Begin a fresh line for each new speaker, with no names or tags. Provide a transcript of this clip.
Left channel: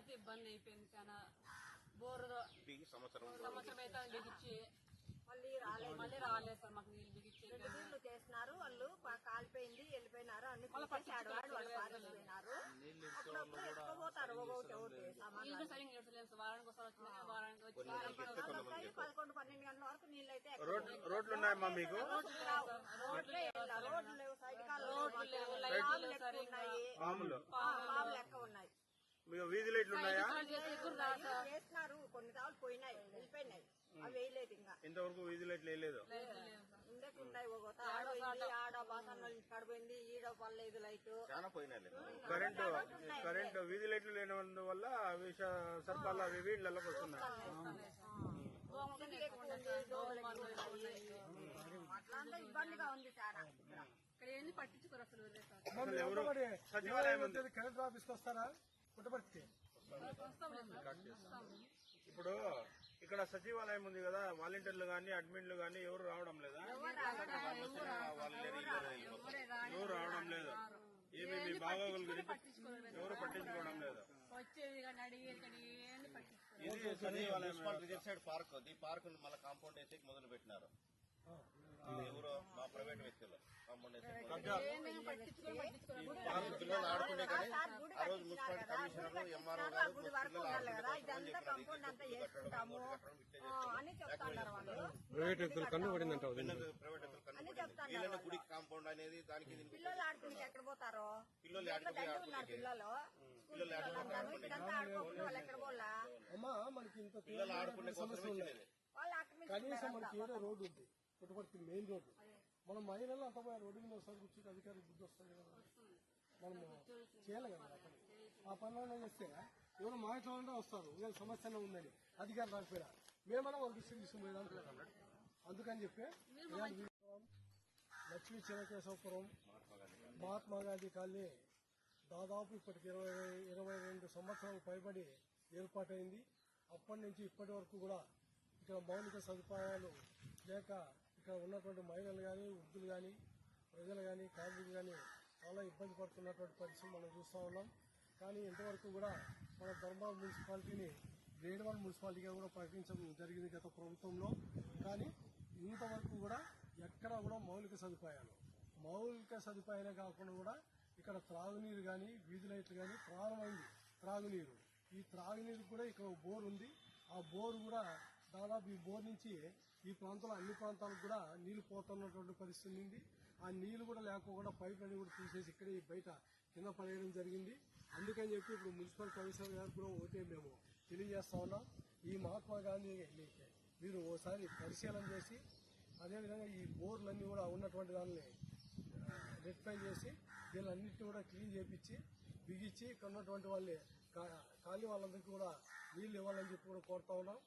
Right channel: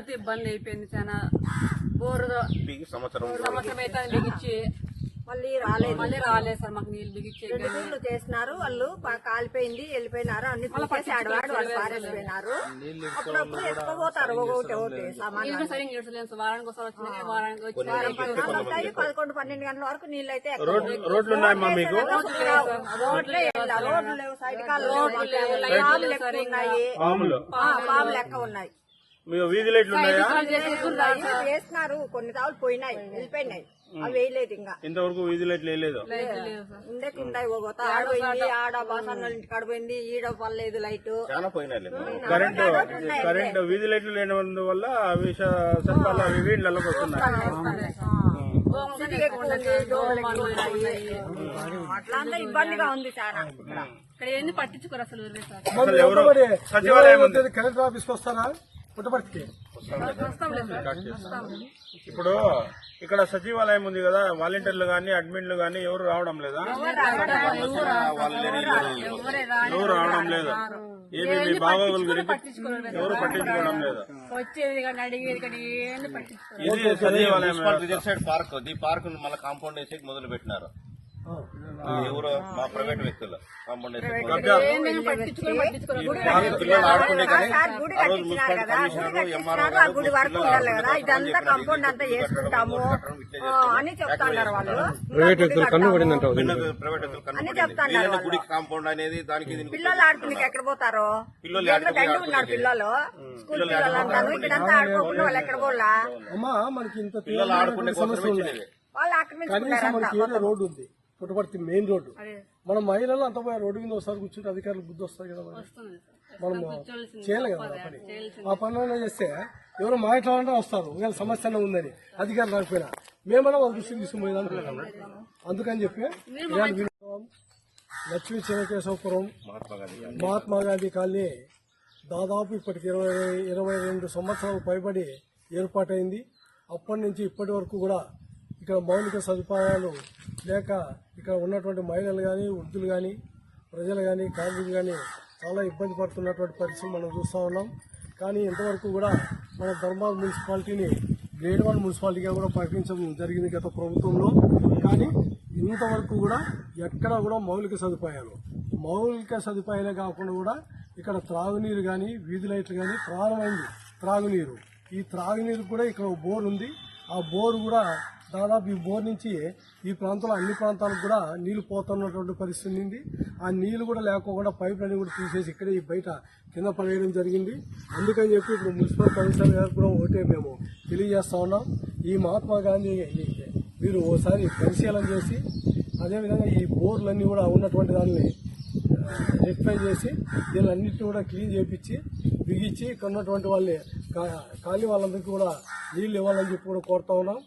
నీళ్ళతో ఇబ్బంది అయిపోయింది చాలా. బోరు
సంవత్సరం.
సంవత్సరం అయితే బిగించి
మళ్ళీ రాలేదు.
మళ్ళీ రాలేదు సార్ మాకు నీళ్ళు బిగించి
రెండు రోజులు చేసినారు వాళ్ళు కాలిపోయింది వెళ్ళిపోయినారు అన్ని ఆడవాడు వాళ్ళు పారేసిపోయినారు. అప్పుడప్పుడు ఎత్తుకోపోతారు ఒకటి ఒకటి
సార్. వారానికి ఒకసారి వచ్చినాయి. వారానికి వచ్చి
పదకొండు పన్నెండు గంటల వరకు నీళ్ళు అయితే
రోడ్లు రోడ్లు
రోడ్లే రోడ్లు లేవు సైడ్ కాలు లేవు. పాములు లెక్క ఉన్నాయి.
మీ వీధి లైట్లు ఉన్నాయా.
వేసినారు. కొన్ని తావులు పోయినాయి వెళ్ళిపోయినాయి. అవి వేయలేదు ఇంకా.
ఇంతవరకు వీధి లైట్లు వేయలేదు?
ఉండేకి ఉన్నాయి ఒక ఆడ పోయింది ఆడ బాసన్న ఇంటికాడ పోయింది ఈడ పర్లేదు లైట్.
చాలా పోయినాయి. కరెంటు కరెంటు వీధి లైట్లు అవి స- సర్పాలు అవి వీళ్ళకి వస్తున్నాయి
అట్లా అంతా ఇబ్బందిగా ఉంది చాలా
ఇక్కడ ఏంది పట్టించుకోరు అసలు ఊర్లో సార్?
అసలు ఎవరు సచివాలయం
కలెక్టర్ ఆఫీస్కి వస్తారా? పుట్టపర్తికి.
ఇప్పుడు ఇక్కడ సచివాలయం ఉంది కదా వాలంటీర్లు గాని అడ్మిన్లు గాని ఎవరు రావడం లేదా? ఎవరు రావడం లేదు? ఏమి మీ బాగోగుల గురించి ఎవరు పట్టించుకోవడం లేదు?
వచ్చేది కానీ అడిగేది కానీ ఏంది పట్టించుకోరు
ఇది సచివాలయం
రిజర్వ్ సైడ్ పార్క్ ఈ పార్క్ మళ్ళీ కాంపౌండ్ వేసి మొదలు పెట్టినారు ఎవరు మా ప్రైవేట్ వ్యక్తులు. పిల్లలు ఆడుకునే కానీ
గుడి
ఆ రోజు కమిషనర్ ఎంఆర్ఓ
కాంపౌండ్
ప్రైవేట్ వ్యక్తులు కన్ను పడిందంట
ప్రైవేట్ వ్యక్తులు కన్ను అనేది దానికి
పిల్లలు ఆడుకునేకి ఎక్కడ పోతారు?
పిల్లలు
ఆడుకోకుండా వాళ్ళు ఎక్కడ పోలా
అమ్మా మనకి ఇంత
పిల్లలు ఆడుకునే
సమస్య ఉంది.
వాళ్ళు ఆక్రమించుకున్నారు
రోడ్డు ఉంది పుట్టపర్తి మెయిన్ రోడ్డు. మన మహిళలు అంత పోయి రోడ్డు మీద ఒకసారి కూర్చుంటే అధికారులు బుద్ధి వస్తుంది కదా. మనం చేయాలి కదా ఆ పని. ఆ పనులు చేస్తే ఎవరు మాట్లాడాలంటే వస్తారు. ఒకవేళ సమస్య ఉందని అధికారులు రాకపోయినా. మేమన్నా వాళ్ళ దృష్టికి తీసుకుపోయేది అనుకుంటాం అందుకని చెప్పి లక్ష్మీ చెనకేశవపురం మహాత్మా గాంధీ కాలనీ దాదాపు ఇప్పటికి ఇరవై ఇరవై రెండు సంవత్సరాలు పైబడి ఏర్పాటైంది. అప్పటి నుంచి ఇప్పటి వరకు కూడా ఇక్కడ మౌలిక సదుపాయాలు లేక ఇక్కడ ఉన్నటువంటి మహిళలు కానీ వృద్ధులు కానీ ప్రజలు కానీ కార్మికులు కానీ చాలా ఇబ్బంది పడుతున్నటువంటి పరిస్థితి మనం చూస్తూ ఉన్నాం. కానీ ఇంతవరకు కూడా మన ధర్మాల్ మున్సిపాలిటీని గ్రేడ్ వన్ మున్సిపాలిటీగా కూడా ప్రకటించడం జరిగింది గత ప్రభుత్వంలో. కానీ ఇంతవరకు కూడా ఎక్కడ కూడా మౌలిక సదుపాయాలు మౌలిక సదుపాయాలే కాకుండా కూడా ఇక్కడ త్రాగునీరు కానీ వీధి లైట్లు కానీ ప్రారంభమైంది. త్రాగునీరు. ఈ త్రాగునీరు కూడా ఇక్కడ బోర్ ఉంది. ఆ బోర్ కూడా దాదాపు ఈ బోర్ నుంచి ఈ ప్రాంతంలో అన్ని ప్రాంతాలకు కూడా నీళ్ళు పోతున్నటువంటి పరిస్థితి ఉంది. ఆ నీళ్ళు కూడా లేకోకుండా లైన్ కూడా తీసేసి ఇక్కడే ఈ బయట కింద పడేయడం జరిగింది. అందుకని చెప్పి ఇప్పుడు మున్సిపల్ కమిషనర్ గారు కూడా ఒకటే మేము తెలియజేస్తా ఉన్నాం. ఈ మహాత్మా గాంధీ మీరు ఓసారి పరిశీలన చేసి అదేవిధంగా ఈ బోర్లన్నీ కూడా ఉన్నటువంటి దాన్ని రెక్టిఫై చేసి దీనిలన్నింటినీ కూడా క్లీన్ చేయించి బిగించి ఇక్కడ ఉన్నటువంటి వాళ్ళని కాలి ఖాళీ వాళ్ళందరికీ కూడా నీళ్ళు ఇవ్వాలని చెప్పి కూడా కోరుతా ఉన్నాం.